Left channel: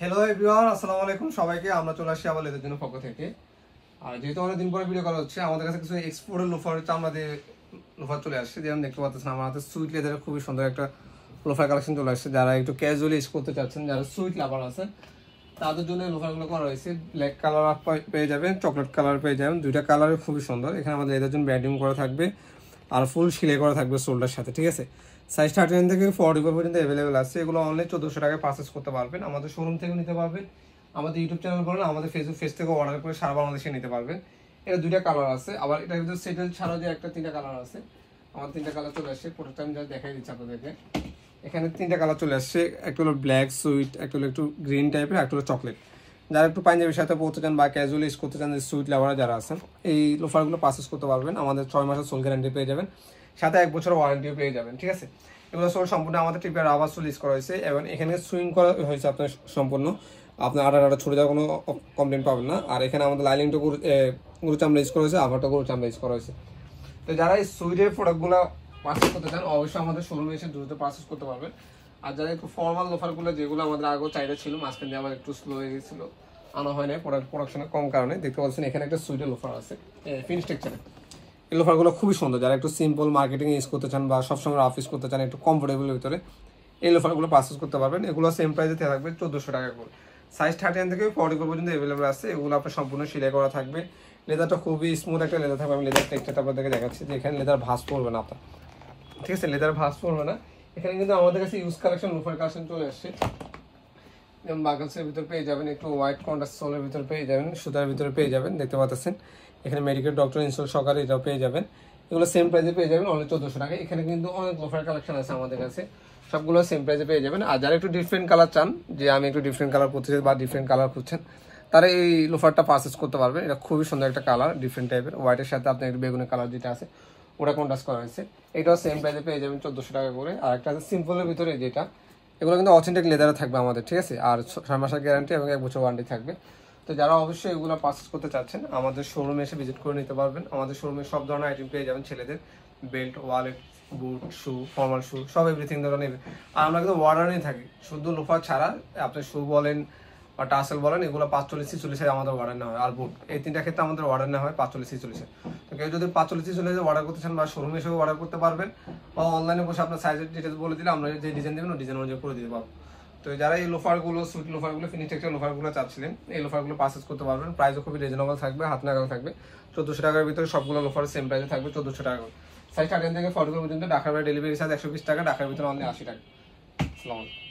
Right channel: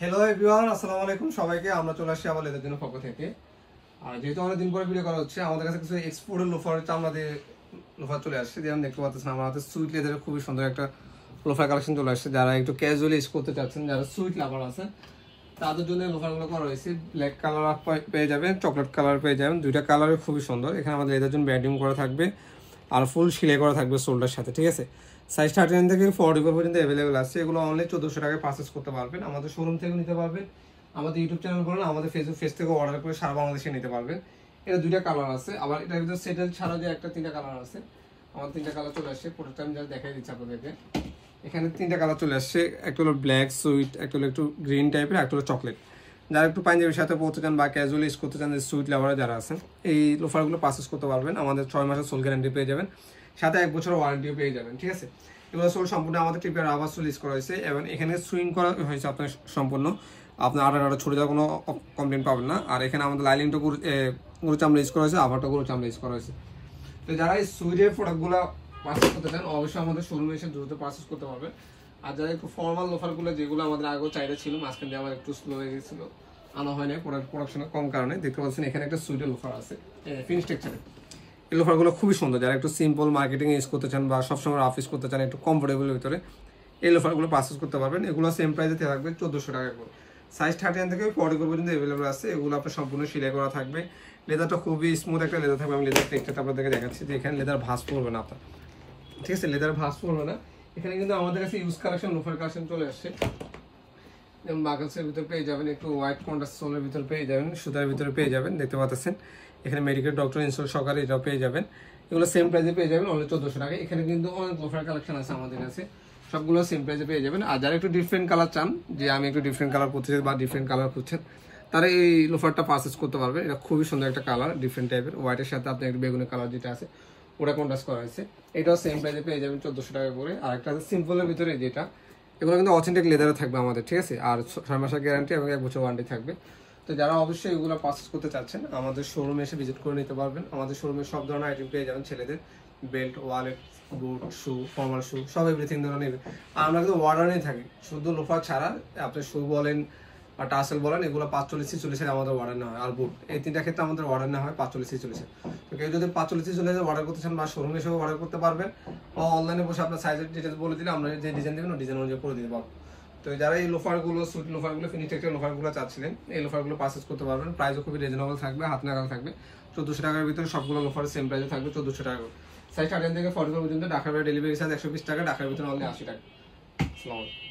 Hello everyone, আসসালামু আলাইকুম সবাইকে। আমরা চলে আসছি আবার লেদার জন্য পক্ষ থেকে। আর যেহেতু অনেকদিন পরে ভিডিও করা হচ্ছে, আমাদের কাছে কিছু এক্সপোর্টের লোফার আমাদের লোফার চলে আসছে। যেমন দেখতে পাচ্ছেন আমার হাতে সুইট লেদারের খুবই সুন্দর একটা লোফার কালেকশন চলে আসছে। যারা একটু ক্যাজুয়ালি ইউজ করতে চাচ্ছেন, যারা সুইট লাভার আছে, তাদের জন্য লোফারগুলো করা হয়েছে। ব্ল্যাক কালার পেয়ে যাবেন, চকলেট কালার পেয়ে যাবেন, দুইটা কালার খুবই সুন্দর। এখানে আমাদের লেদার জন্য ব্যান্ডিং করা থাকবে আর ফুল সেলাই করা থাকবে সোল্ডার সাথে, ঠিক আছে। সাইজ 39 থেকে 44 পর্যন্ত অ্যাভেলেবেল আছে। এগুলো অনলি 1400 টাকায় পারচেস করতে পারবেন। আমাদের শোরুম থেকে নিতে পারবেন, আমাদের ইউটিউব চ্যানেল বলেন, আমাদের ফেসবুক পেজ থেকে অর্ডার করে সারা বাংলাদেশে নিতে পারবেন। এটা দুইটা কালার আছে, আবার এটার ভিতরে সেটেল ছাড়া যে একটা তিনটা কালার আছে। আমাদের তিনটা কালার চলে আসছে, প্রোডাক্ট আমি যা দেখাই দিচ্ছি আপনাদেরকে। এখানে তিনটা কালার চলে আসছে, একটা হলো ব্ল্যাক সুইট, একটা হলো একটু গ্রিন টাইপের, একটা হলো চকলেট। যারা একটু পাঞ্জাবির সাথে পড়তে চান বা ক্যাজুয়াল ইউজ করতে চান, সুইট লাভার যারা আছেন, এই লোফারগুলো পারচেস করতে পারবেন। আমাদের 6 মাসের সোল গ্যারান্টি পেয়ে যাবেন, সাথে 1 বছর ওয়ারেন্টিও পেয়ে যাবেন, ঠিক আছে। এগুলো সোল সম্পূর্ণ আমাদের টিপের রাবার সোল ইউজ করা হয়েছে এবং এখানে সুইং করা হয়েছে আপনার সম্পূর্ণ। আপনার আড়া ছুটে যাওয়ার কোনো কমপ্লেন পাবেন না। আর এখানে আমাদের লাইলিংটা গরু চামড়া ইউজ করা হয়েছে, আভারটা গরু চামড়া ইউজ করা হয়েছে। তো যারা এই সুইটের প্রোডাক্টগুলো পারচেস করতে চান, অবশ্যই আমাদের শোরুমে এসে দ্রুত পারচেস করতে পারবেন। আর যারা একটু ফর্মাল লোফারগুলো, যেগুলো আমাদের আগেও চাহিদা ছিল, মাঝখান দিয়ে আমার একটু স্লো হয়ে গেছিলো, আনা হয় না প্রোডাকশনের কম কারণে। দেখতে পাচ্ছেন এখানে একটা সুইটের লোফার আছে ফিনিশ টেক্সচারে। এই লোফারগুলো খুবই সুন্দর। যারা একটু সিম্পল মার্কেটিং ইউজ করতে চান বা সবসময় অফিস করতে চান, একটু কমফোর্টেবলের ভিতরে এই লোফারগুলো পারচেস করতে পারবেন। এগুলো সেম প্রাইসে থাকবে 1400 টাকা করে। সাইজ 39 থেকে 44 পর্যন্ত অ্যাভেলেবল আছে। এগুলো আপনার সম্পূর্ণ সেলাই করা থাকবে। লেদারটা খুবই স্মুথ একটা লেদার থাকবে। আমি লেদার টেক্সচারটা আপনাদেরকে দেখাচ্ছি যে এখানে লেদার ভাঁজ পড়বে না আপনার, ঠিক আছে। লেদার ভাঁজ পড়বে না। এখানে কিন্তু আমাদের কাছে ইউজ কালেকশন লোফার কালেকশন চলে আসছে। যেমন বাগলসের ভিতরে পেয়ে যাবেন, একটু হোয়াইট কন্ট্রাস্ট সোলের ভিতরে পেয়ে যাবেন, সুতার ভিতরে পেয়ে যাবেন, দেখতে পাচ্ছেন। এখানে মেডিকেল ডক্টর ইনস্টল সহকারে এটাও পেয়ে যাবেন। এগুলো সেম প্রাইসে পেয়ে যাবেন, অনলি 1400 টাকা। এখানে কিন্তু অনেক লোফার কালেকশন আছে আমাদের কাছে, সবগুলো সেম প্রাইসে পেয়ে যাবেন। আর যারা একটু ডিফারেন্ট কালার চান, যে আমি একটু ডিফারেন্ট কালার পড়তে চাই বা ডিফারেন্ট কালার খুঁজছেন, তারা এই লোফারটা পারচেস করতে পারবেন। এটা খুবই সুন্দর একটা কালার, ডিফারেন্ট টাইপের। হোয়াইটের সাথে আপনি একটু বেগুনি কালার যেটা আছে ওটা কন্ট্রাস্ট করা হয়েছে। এটাও সেম প্রাইসে পেয়ে যাবেন 1400 টাকা করে। আর একটা আছে সিম্পলের ভিতরে যেটা, এগুলো কিন্তু অথেন্টিক লেদারে থাকবে আমাদের, ঠিক আছে। আর 6 মাসের গ্যারান্টি এবং 1 বছর ওয়ারেন্টি থাকবে। তো যারা অবশ্যই এগুলো পারচেস করতে চাচ্ছেন, আমাদের শোরুমে এসে ভিজিট করে নিতে পারবেন। আমাদের শোরুমে সব ধরনের আইটেম পেয়ে যাবেন, ছেলেদের বেল্ট, ওয়ালেট, বুট, শু, ফর্মাল শু, সব এভরিথিং ধরনের নেবে। আর আমরা কিন্তু ওয়ার্ডারই থাকি, শুধু লোফার ছাড়া আপনি শু বলেন বা টাসেল বলেন, এগুলো 45-46 আমাদের অর্ডার নেওয়া হয়। আর বুট, এই তিনটা ক্ষেত্রে আমাদের অর্ডার নেওয়া হয় 45-46। তো কেউ যদি 45-46 অর্ডার করতে চান বা শোরুমে এসে অর্ডার করতে পারবেন, বা অনলাইনে বসে আপনার সাইজের ডিটেলস বলে দিলে আমরা যে ডিজাইন দেবেন ওই ডিজাইন অনুযায়ী করে দিতে পারবো। তো যারা এই লোফারগুলো, সুইট লোফারগুলো, ফিনিশ টেক্সচার লোফারগুলো চাচ্ছিলেন, এই লোফারগুলো পারচেস করতে পারবেন। প্রাইসও খুবই রিজনেবল থাকবে, হাত নাগাল থাকবে। 1400 টাকার ভিতরে সবগুলো লোফার সেম প্রাইসে থাকবে, 1400 টাকা করে। সাইজ 13 থেকে 44 পর্যন্ত। ঢাকার বাইরে ডেলিভারি চার্জ 120 টাকা, ঢাকার ভিতরে অনলি 80 টাকা। আসসালামু আলাইকুম।